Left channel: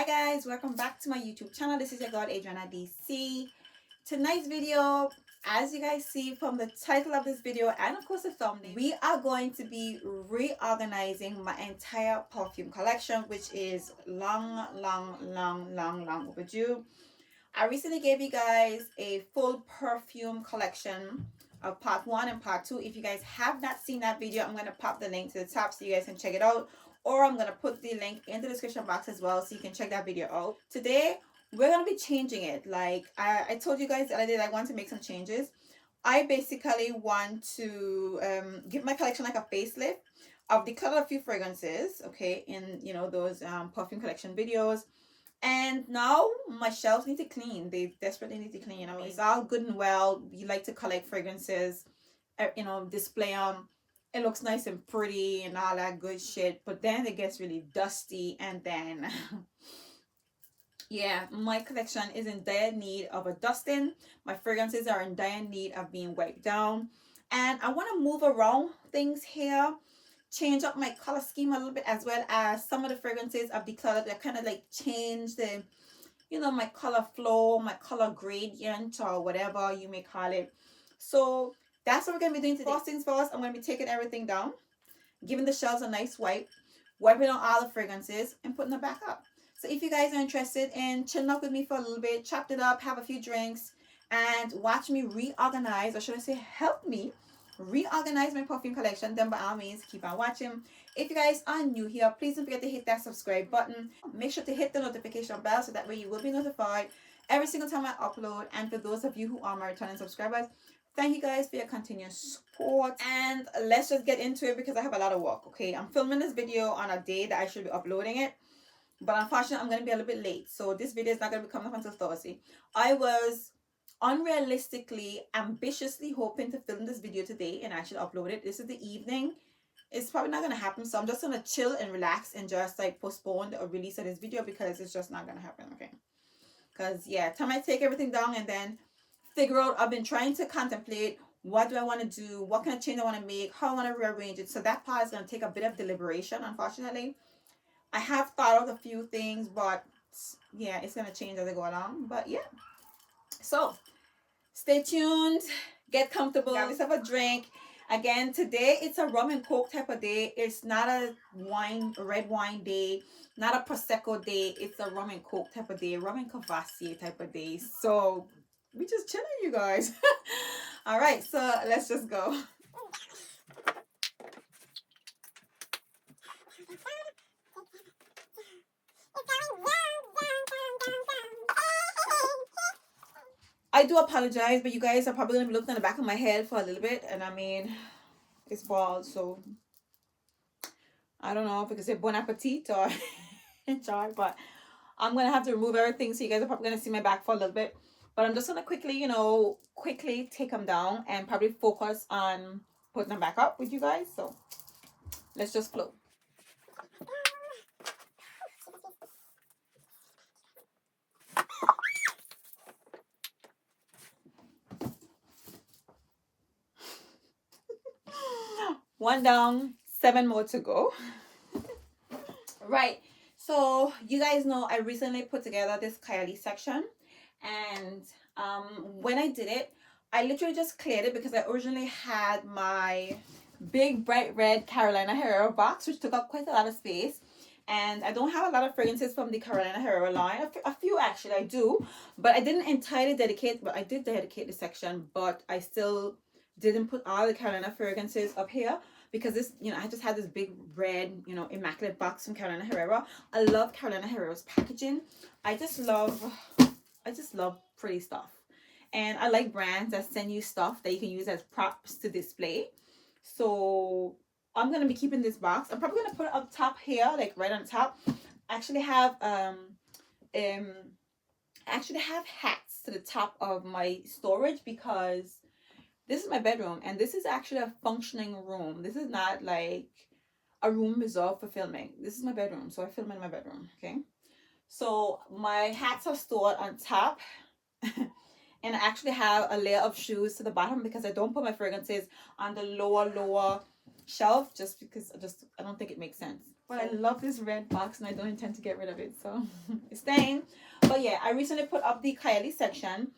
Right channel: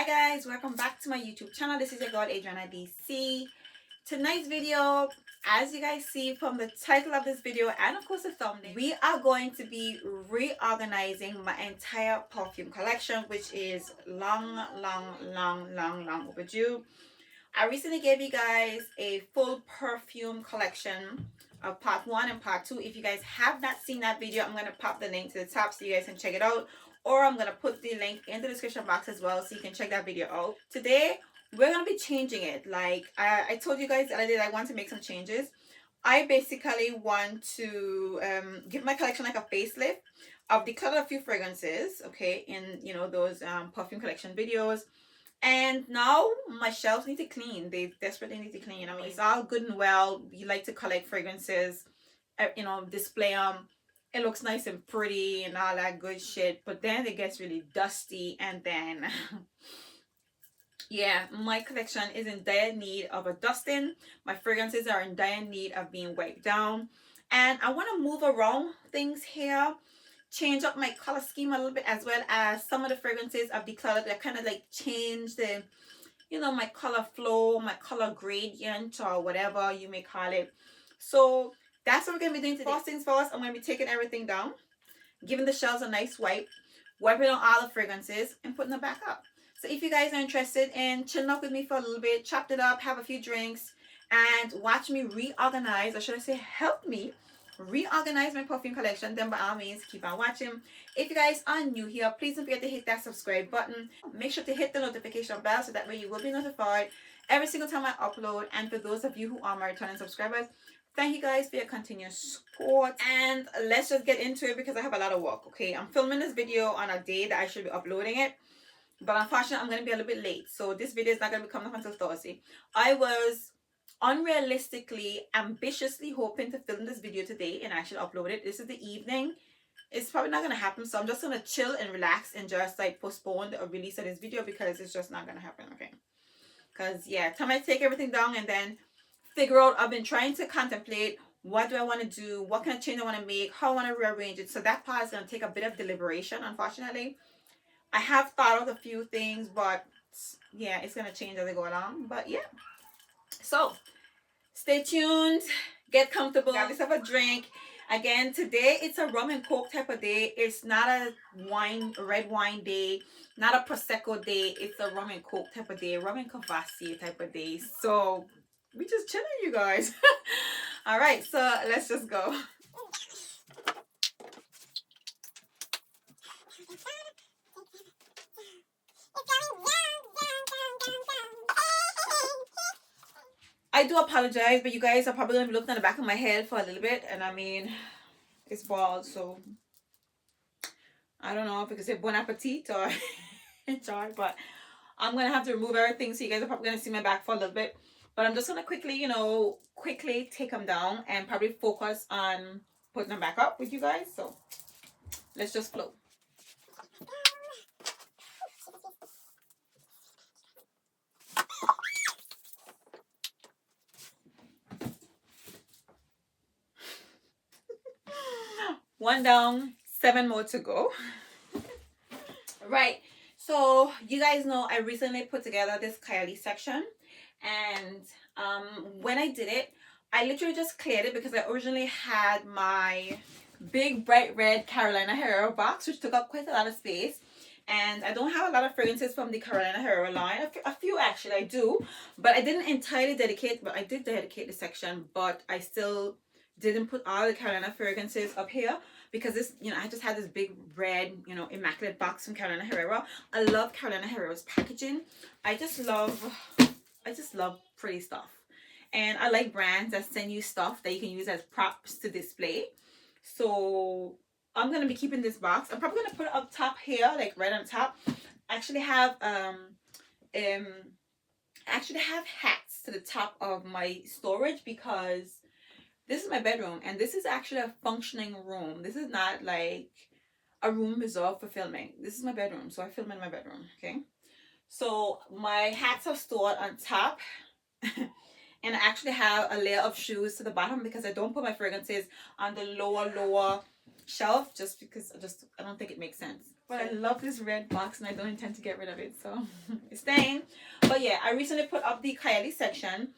Hi guys, welcome back to my YouTube channel. This is your girl Adriana DC. Tonight's video, as you guys see from the title of this video and of course the thumbnail, we are going to be reorganizing my entire perfume collection, which is long overdue. I recently gave you guys a full perfume collection of part 1 and part 2. If you guys have not seen that video, I'm going to pop the link to the top so you guys can check it out, or I'm going to put the link in the description box as well so you can check that video out. Today we're going to be changing it. Like I told you guys that I want to make some changes. I basically want to give my collection like a facelift. I've decluttered a few fragrances, okay, in those perfume collection videos. And now my shelves need to clean. They desperately need to clean. I mean, it's all good and well. You like to collect fragrances, display them. It looks nice and pretty and all that good shit. But then it gets really dusty. And then, yeah, my collection is in dire need of a dusting. My fragrances are in dire need of being wiped down. And I want to move around things here. Change up my color scheme a little bit, as well as some of the fragrances I've decluttered. I kind of like change the, my color flow, my color gradient, or whatever you may call it. So that's what we're going to be doing today. First things first, I'm going to be taking everything down, giving the shelves a nice wipe, wiping on all the fragrances, and putting them back up. So if you guys are interested in chilling up with me for a little bit, chopped it up, have a few drinks, and watch me reorganize, or should I say help me reorganize my perfume collection, then by all means keep on watching. If you guys are new here, please don't forget to hit that subscribe button. Make sure to hit the notification bell so that way you will be notified every single time I upload. And for those of you who are my returning subscribers, thank you guys for your continuous support. And let's just get into it because I have a lot of work. Okay, I'm filming this video on a day that I should be uploading it, but unfortunately I'm going to be a little bit late, so this video is not going to be coming up until Thursday. I was unrealistically ambitiously hoping to film this video today and actually upload it. This is the evening. It's probably not gonna happen, so I'm just gonna chill and relax and just like postpone the release of this video because it's just not gonna happen. Okay, because yeah, time I take everything down and then figure out, I've been trying to contemplate what do I want to do, what kind of change I want to make, how I want to rearrange it. So that part is going to take a bit of deliberation. Unfortunately, I have thought of a few things, but yeah, it's going to change as I go along. But yeah, so stay tuned, get comfortable, grab yourself a drink. Again, today it's a rum and coke type of day. It's not a red wine day, not a prosecco day. It's a rum and coke type of day, rum and Cavassier type of day. So we just chilling, you guys. All right, so let's just go. I do apologize, but you guys are probably going to be looking at the back of my head for a little bit. And I mean, it's bald, so I don't know if I can say bon appetit or sorry, but I'm going to have to remove everything. So you guys are probably going to see my back for a little bit. But I'm just going to quickly take them down and probably focus on putting them back up with you guys. So let's just flow. One down, 7 more to go. Right, so you guys know I recently put together this Kayali section, and when I did it, I literally just cleared it because I originally had my big bright red Carolina Herrera box, which took up quite a lot of space. And I don't have a lot of fragrances from the Carolina Herrera line. A few actually I do, but I didn't entirely dedicate, but I did dedicate the section, but I still didn't put all the Carolina fragrances up here because this, I just had this big red, immaculate box from Carolina Herrera. I love Carolina Herrera's packaging. I just love pretty stuff. And I like brands that send you stuff that you can use as props to display. So I'm going to be keeping this box. I'm probably going to put it up top here, like right on top. I actually have hats to the top of my storage because this is my bedroom and this is actually a functioning room. This is not like a room reserved for filming. This is my bedroom, so I film in my bedroom. Okay, so my hats are stored on top. And I actually have a layer of shoes to the bottom because I don't put my fragrances on the lower shelf just because I don't think it makes sense. But I love this red box and I don't intend to get rid of it, so it's staying. But yeah, I recently put up the Kayali section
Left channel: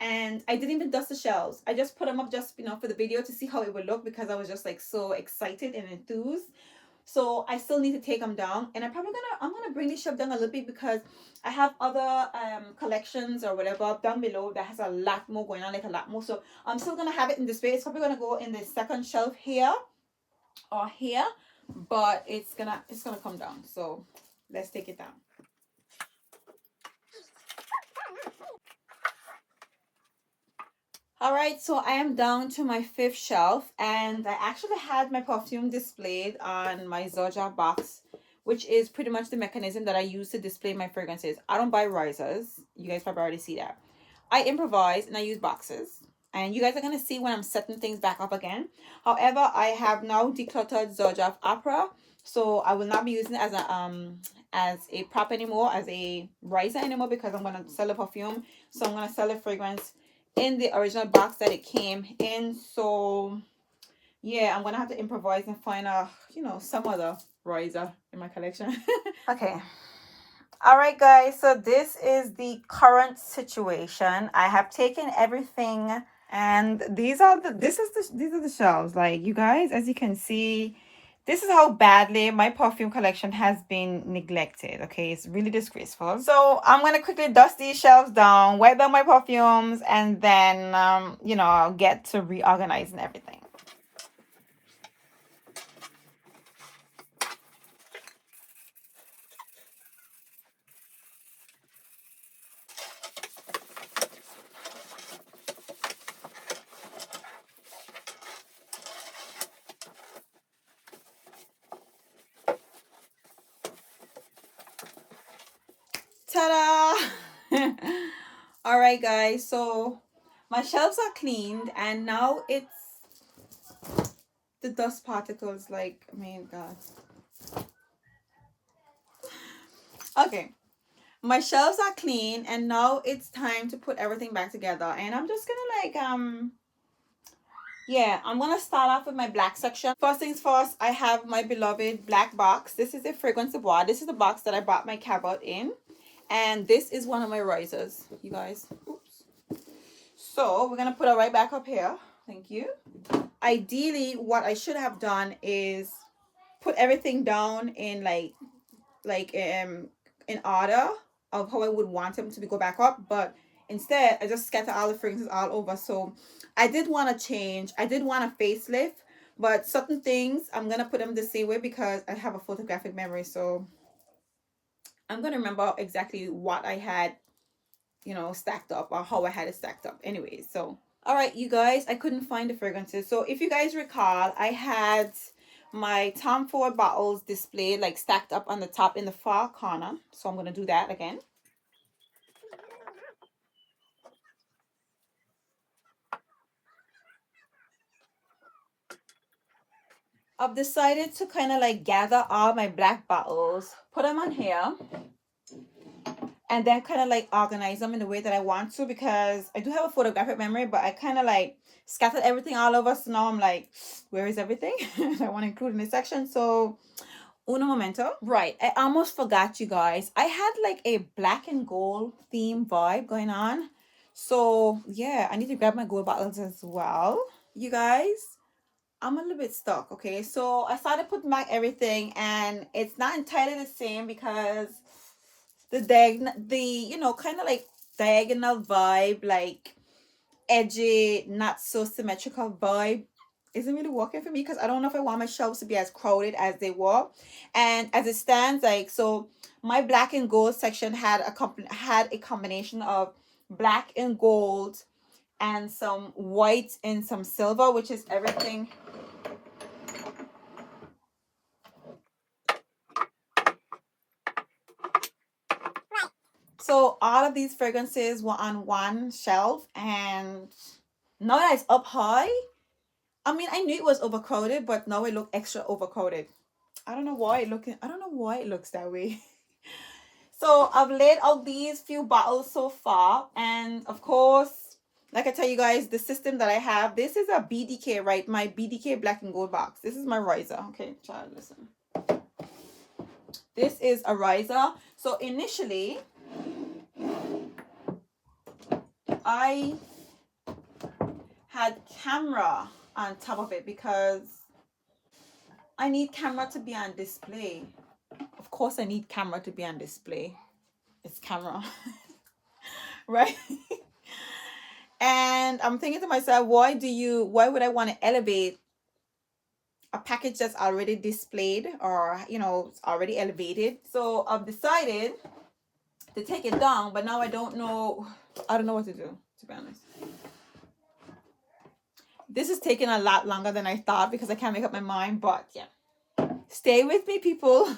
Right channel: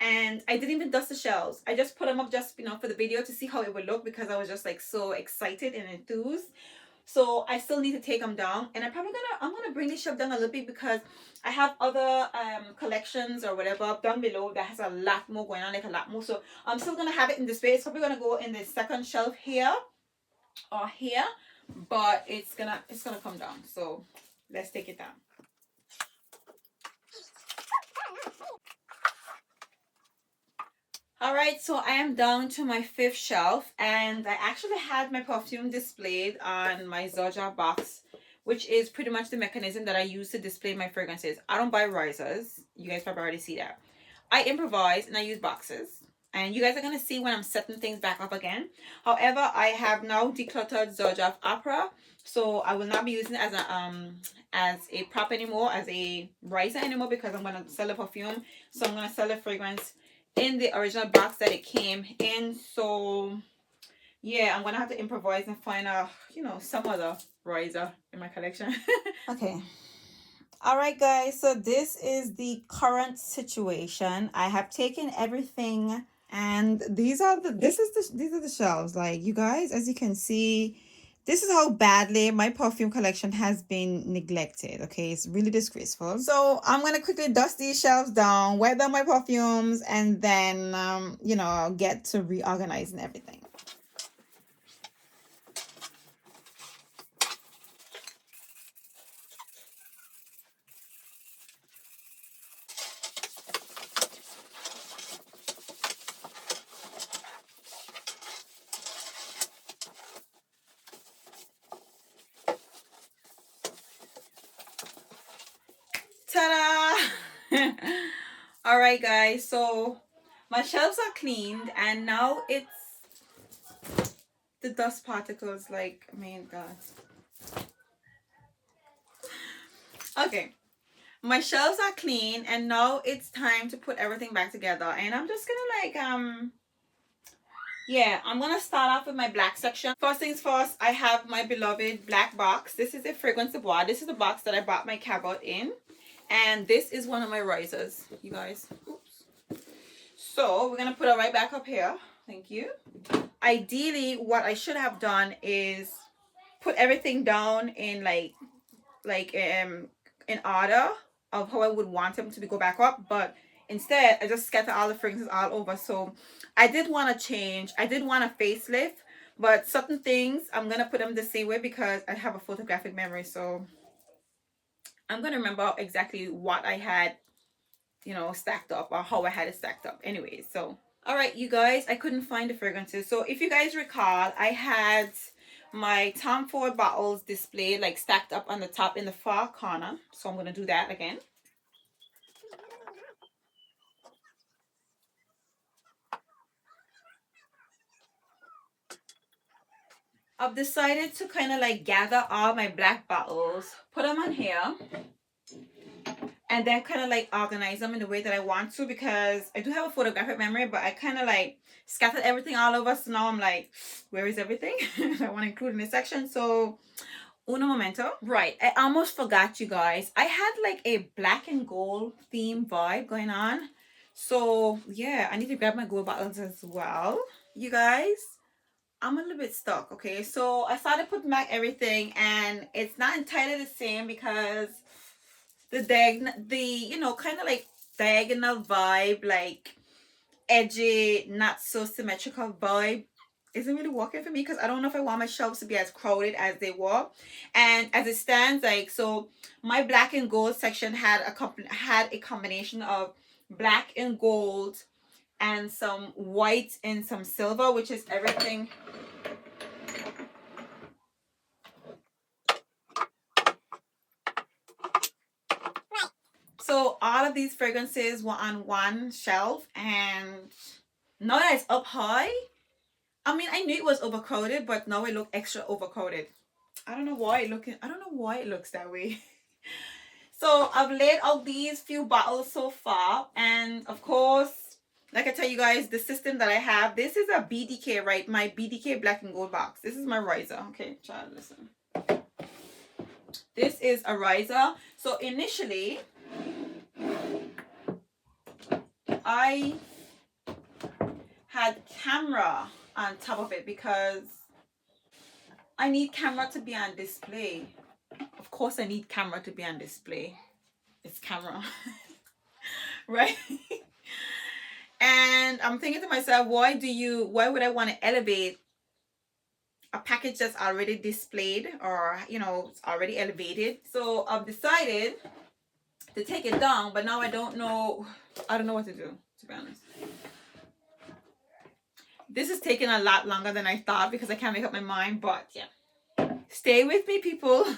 and I didn't even dust the shelves. I just put them up just, for the video to see how it would look because I was just like so excited and enthused. So I still need to take them down, and I'm gonna bring this shelf down a little bit because I have other collections or whatever down below that has a lot more going on, like a lot more. So I'm still gonna have it in display. It's probably gonna go in the second shelf here or here, but it's gonna come down. So let's take it down. All right, so I am down to my 5th shelf, and I actually had my perfume displayed on my Giorgio box, which is pretty much the mechanism that I use to display my fragrances. I don't buy risers. You guys probably already see that. I improvise and I use boxes, and you guys are going to see when I'm setting things back up again. However, I have now decluttered Giorgio Opera, so I will not be using it as a prop anymore, as a riser anymore, because I'm going to sell a perfume. So I'm going to sell a fragrance in the original box that it came in. So yeah, I'm gonna have to improvise and find a some other riser in my collection. Okay, all right guys, so this is the current situation. I have taken everything, and these are the shelves. Like, you guys, as you can see, this is how badly my perfume collection has been neglected. Okay, it's really disgraceful. So I'm gonna quickly dust these shelves down, wipe down my perfumes, and then I'll get to reorganizing everything. Ta-da! All right guys, so my shelves are cleaned, and now it's the dust particles. Like, I mean, god. Okay, my shelves are clean, and now it's time to put everything back together. And I'm just gonna yeah, I'm gonna start off with my black section. First things first, I have my beloved black box. This is a fragrance of bois. This is the box that I bought my cabinet in, and this is one of my risers, you guys. Oops. So we're gonna put it right back up here. Thank you. Ideally, what I should have done is put everything down in in order of how I would want them to go back up, but instead I just scatter all the fragrances all over. So I did want to change. I did want a facelift, but certain things I'm gonna put them the same way because I have a photographic memory. So I'm gonna remember exactly what I had, stacked up, or how I had it stacked up. Anyways, so all right, you guys, I couldn't find the fragrances. So if you guys recall, I had my Tom Ford bottles displayed, like stacked up on the top in the far corner. So I'm gonna do that again. I've decided to kind of like gather all my black bottles, put them on here, and then kind of like organize them in the way that I want to, because I do have a photographic memory, but I kind of like scattered everything all over. So now I'm like, where is everything I want to include in this section? So uno momento. Right, I almost forgot, you guys. I had like a black and gold theme vibe going on. So yeah, I need to grab my gold bottles as well, you guys. I'm a little bit stuck. Okay, so I started putting back everything, and it's not entirely the same because the kind of like diagonal vibe, like edgy, not so symmetrical vibe, isn't really working for me, because I don't know if I want my shelves to be as crowded as they were. And as it stands, like, so my black and gold section had a combination of black and gold and some white and some silver, which is everything. So all of these fragrances were on one shelf, and now that it's up high, I mean, I knew it was overcrowded, but now it looked extra overcrowded. I don't know why it looks that way. So I've laid out these few bottles so far, and of course, like I tell you guys, the system that I have, this is a BDK, right? My BDK black and gold box. This is my riser. Okay, child, listen. This is a riser. So initially, I had camera on top of it because I need camera to be on display. Of course, I need camera to be on display. It's camera, right? And I'm thinking to myself, why would I want to elevate a package that's already displayed, or it's already elevated? So I've decided to take it down, but now I don't know what to do, to be honest. This is taking a lot longer than I thought because I can't make up my mind, but yeah, stay with me, people.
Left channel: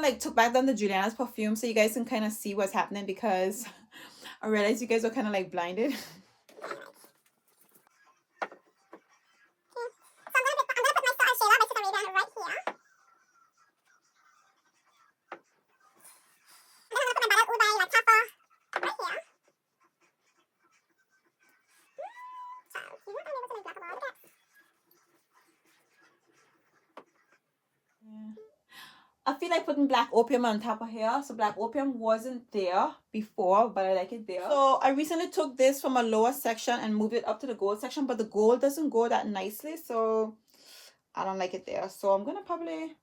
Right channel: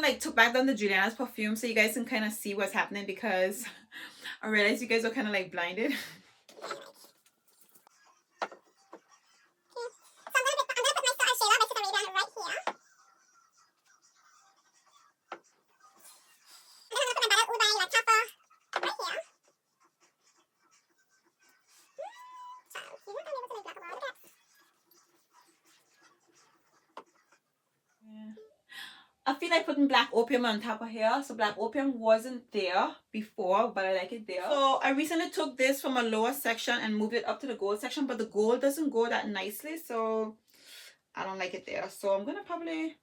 Like took back down the Juliana's perfume so you guys can kind of see what's happening, because I realized you guys are kind of like blinded. I feel like putting black opium on top of here. So black opium wasn't there before, but I like it there. So I recently took this from a lower section and moved it up to the gold section, but the gold doesn't go that nicely, so I don't like it there. So I'm gonna probably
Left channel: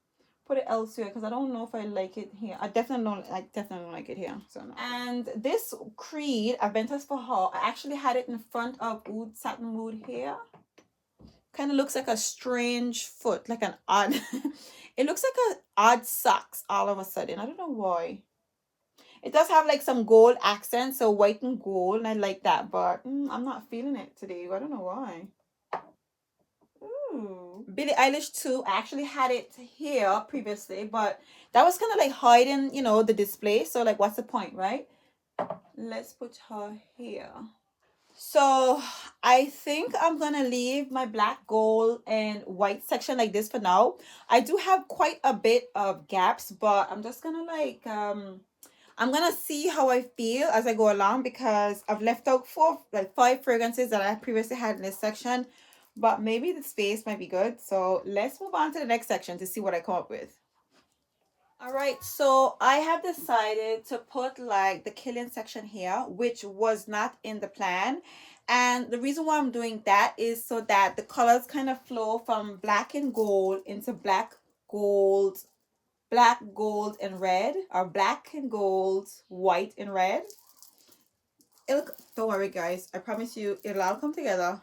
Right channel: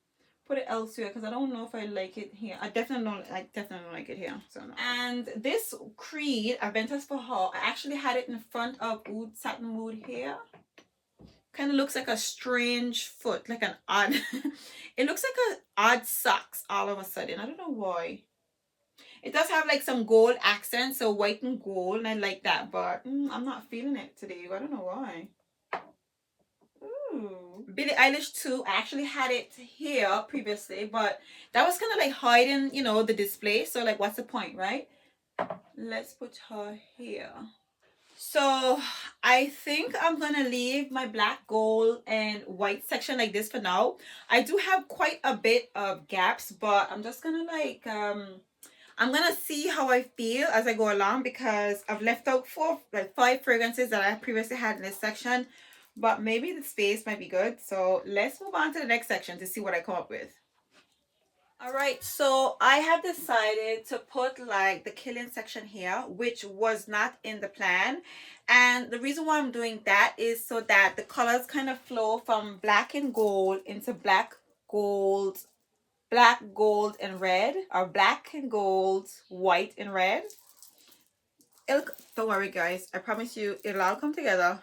put it elsewhere because I don't know if I like it here. I definitely don't like it here. So no. And this Creed Aventus for Her, I actually had it in front of Oud Satin Mood here. Kind of looks like a strange foot, like an odd it looks like an odd socks all of a sudden. I don't know why. It does have like some gold accents, so white and gold, and I like that, but I'm not feeling it today. I don't know why. Ooh. Billie Eilish too. I actually had it here previously, but that was kind of like hiding, the display. So like, what's the point, right? Let's put her here. So I think I'm gonna leave my black, gold, and white section like this for now. I do have quite a bit of gaps, but I'm just gonna like I'm gonna see how I feel as I go along, because I've left out 5 fragrances that I previously had in this section, but maybe the space might be good. So let's move on to the next section to see what I come up with. All right, so I have decided to put like the Killian section here, which was not in the plan. And the reason why I'm doing that is so that the colors kind of flow from black and gold into black, gold, and red, or black and gold, white and red. Don't worry, guys. I promise you it'll all come together.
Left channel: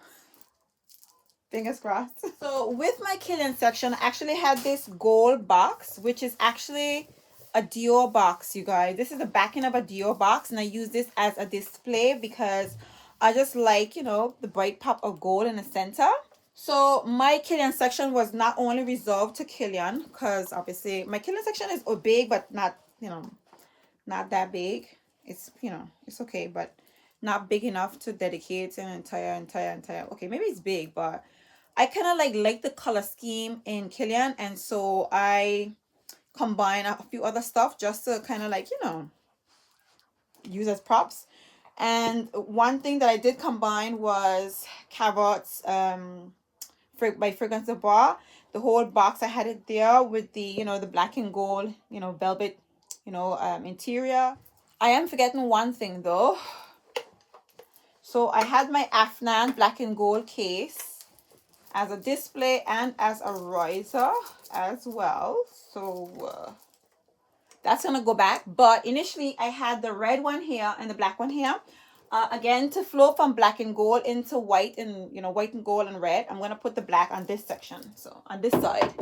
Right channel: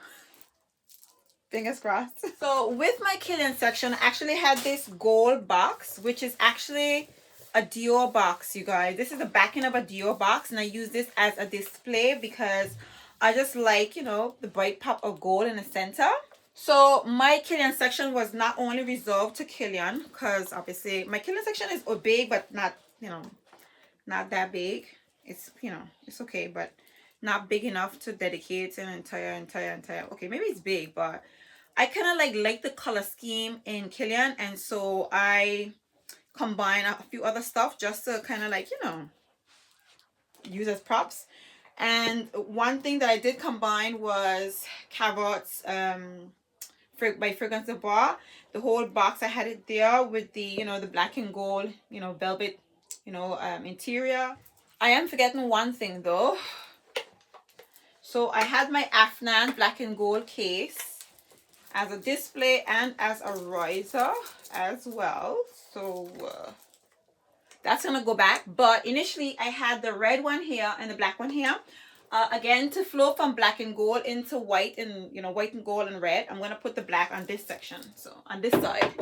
Fingers crossed. So with my Killian section, I actually had this gold box, which is actually a Dior box, you guys. This is the backing of a Dior box, and I use this as a display because I just like, the bright pop of gold in the center. So my Killian section was not only reserved to Killian, because obviously my Killian section is big, but not, not that big. It's, it's okay, but not big enough to dedicate an entire. Okay, maybe it's big, but I kind of like the color scheme in Kilian, and so I combine a few other stuff just to kind of like, you know, use as props. And one thing that I did combine was Carrots by Fragrance de Bois. The whole box, I had it there with the, you know, the black and gold, you know, velvet, you know, interior. I am forgetting one thing though. So I had my Afnan black and gold case as a display and as a riser as well. So that's gonna go back. But initially I had the red one here and the black one here. Again, to flow from black and gold into white and, you know, white and gold and red, I'm gonna put the black on this section, so on this side.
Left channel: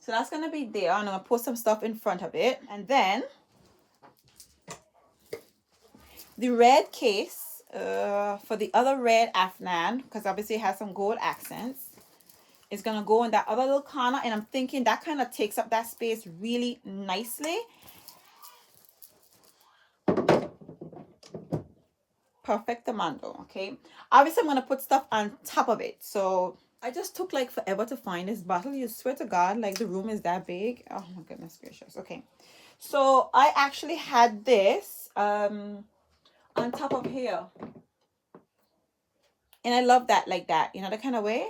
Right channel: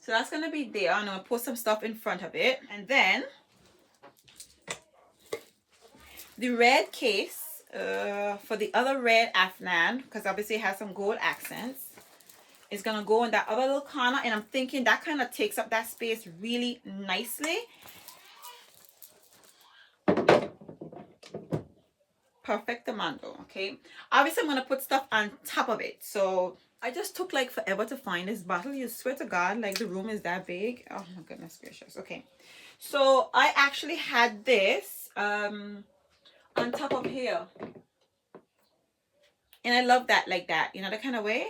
So that's gonna be there, and I'm gonna put some stuff in front of it. And then the red case for the other red Afnan, because obviously it has some gold accents, is gonna go in that other little corner, and I'm thinking that kind of takes up that space really nicely. Perfectamando. Okay, obviously I'm gonna put stuff on top of it. So I just took like forever to find this bottle. You swear to God, like the room is that big. Oh my goodness gracious. Okay, so I actually had this on top of here, and I love that, like that, you know, that kind of way.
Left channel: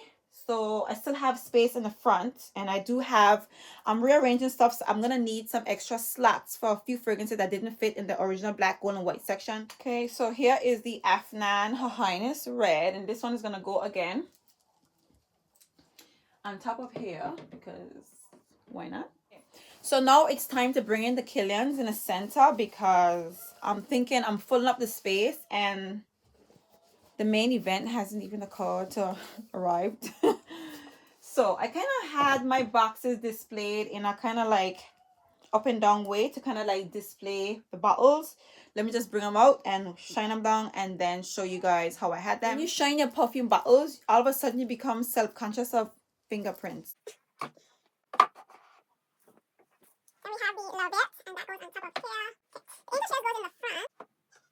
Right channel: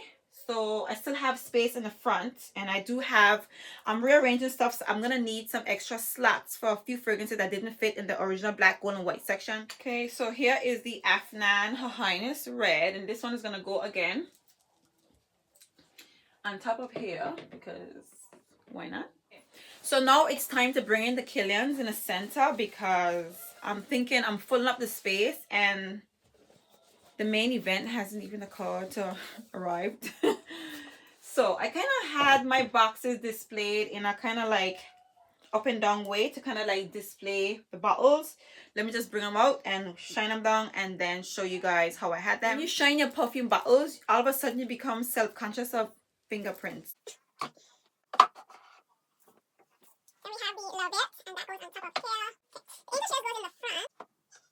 So I still have space in the front, and I do have, I'm rearranging stuff, so I'm gonna need some extra slots for a few fragrances that didn't fit in the original black, gold, and white section. Okay, so here is the Afnan Her Highness Red, and this one is gonna go again on top of here, because why not? Okay. So now it's time to bring in the Kilians in the center, because I'm thinking I'm filling up the space, and the main event hasn't even occurred to arrived. So I kind of had my boxes displayed in a kind of like up and down way to kind of like display the bottles. Let me just bring them out and shine them down, and then show you guys how I had them. When you shine your perfume bottles, all of a sudden you become self-conscious of fingerprints. Then we have the little bit, and that goes on top of here. The English goes in the front.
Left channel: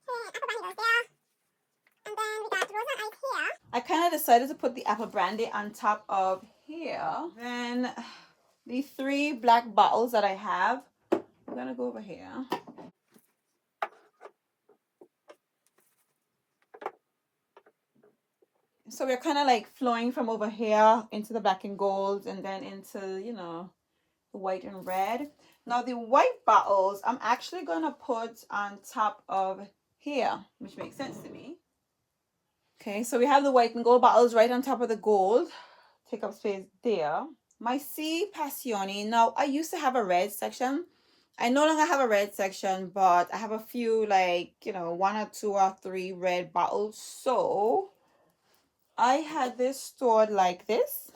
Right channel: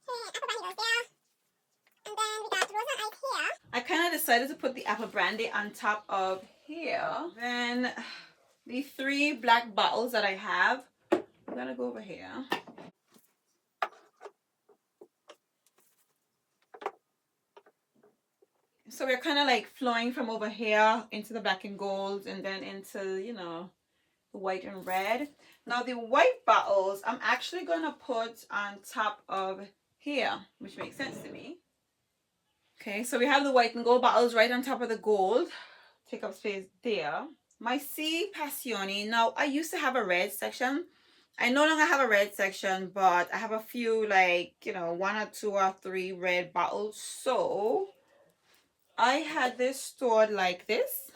Okay, apple brandy goes there. And then we got Rosa Ice here. I kind of decided to put the apple brandy on top of here. Then the 3 black bottles that I have, I'm gonna go over here. So we're kind of like flowing from over here into the black and gold, and then into, you know, the white and red. Now the white bottles I'm actually gonna put on top of here, which makes sense to me. Okay, so we have the white and gold bottles right on top of the gold. Take up space there. My C Passione. Now I used to have a red section. I no longer have a red section, but I have a few, like, you know, 1 or 2 or 3 red bottles. So I had this stored like this,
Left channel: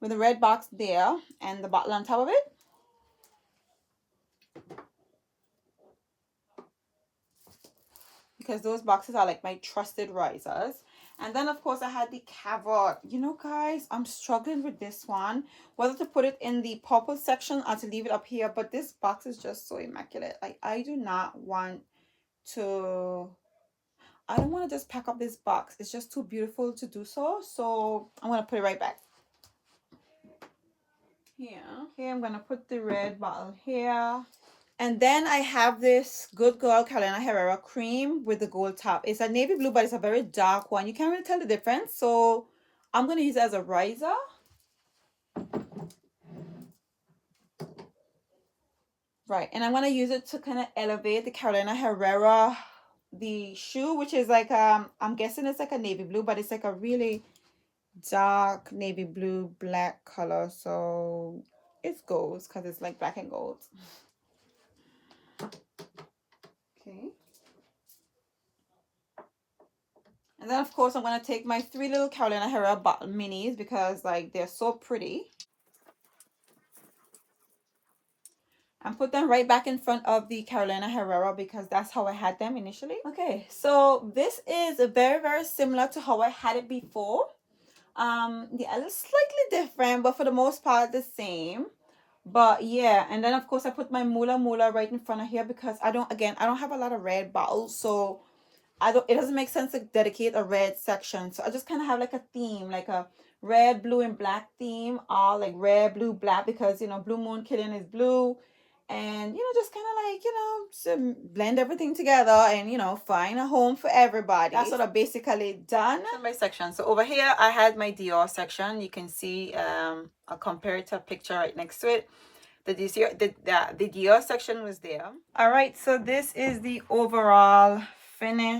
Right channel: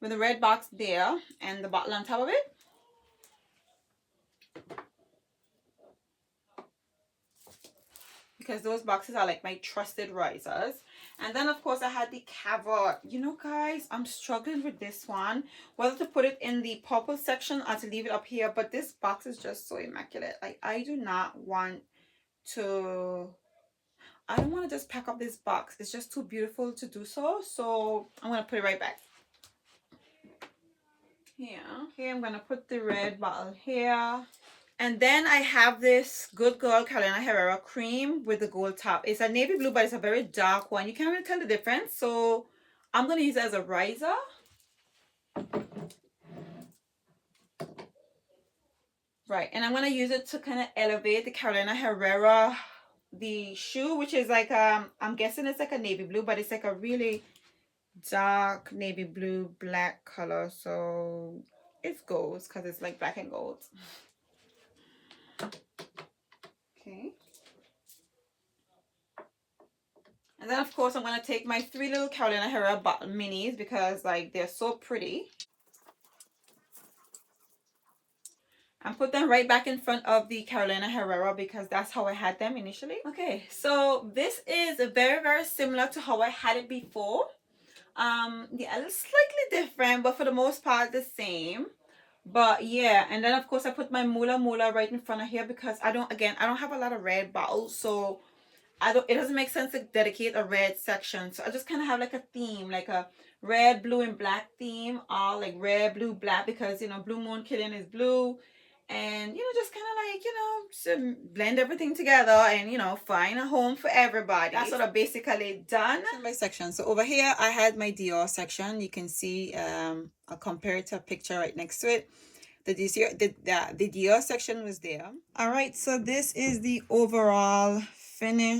with the red box there and the bottle on top of it. Because those boxes are like my trusted risers. And then of course I had the Cavot. You know guys, I'm struggling with this one, whether to put it in the purple section or to leave it up here. But this box is just so immaculate. Like I do not want to, I don't want to just pack up this box. It's just too beautiful to do so. So I'm going to put it right back here. Okay, I'm going to put the red bottle here. And then I have this Good Girl Carolina Herrera cream with the gold top. It's a navy blue, but it's a very dark one. You can't really tell the difference. So I'm going to use it as a riser. Right. And I'm going to use it to kind of elevate the Carolina Herrera, the shoe, which is like, I'm guessing it's like a navy blue, but it's like a really dark navy blue, black color. So it goes because it's like black and gold. Okay. And then of course I'm going to take my 3 little Carolina Herrera bottle minis, because like they're so pretty, and put them right back in front of the Carolina Herrera, because that's how I had them initially. Okay, so this is very, very similar to how I had it before. Yeah, it's slightly different, but for the most part the same. But yeah, and then of course I put my Mula right in front of here because I don't have a lot of red bottles, so it doesn't make sense to dedicate a red section. So I just kind of have like a theme, like a red, blue, and black theme, all like red, blue, black, because Blue Moon Killing is blue. And just kind of like, blend everything together and find a home for everybody. That's what I basically done. In my section. So over here I had my Dior section. You can see a comparative picture right next to it. The Dior section was there. All right, so this is the overall finish.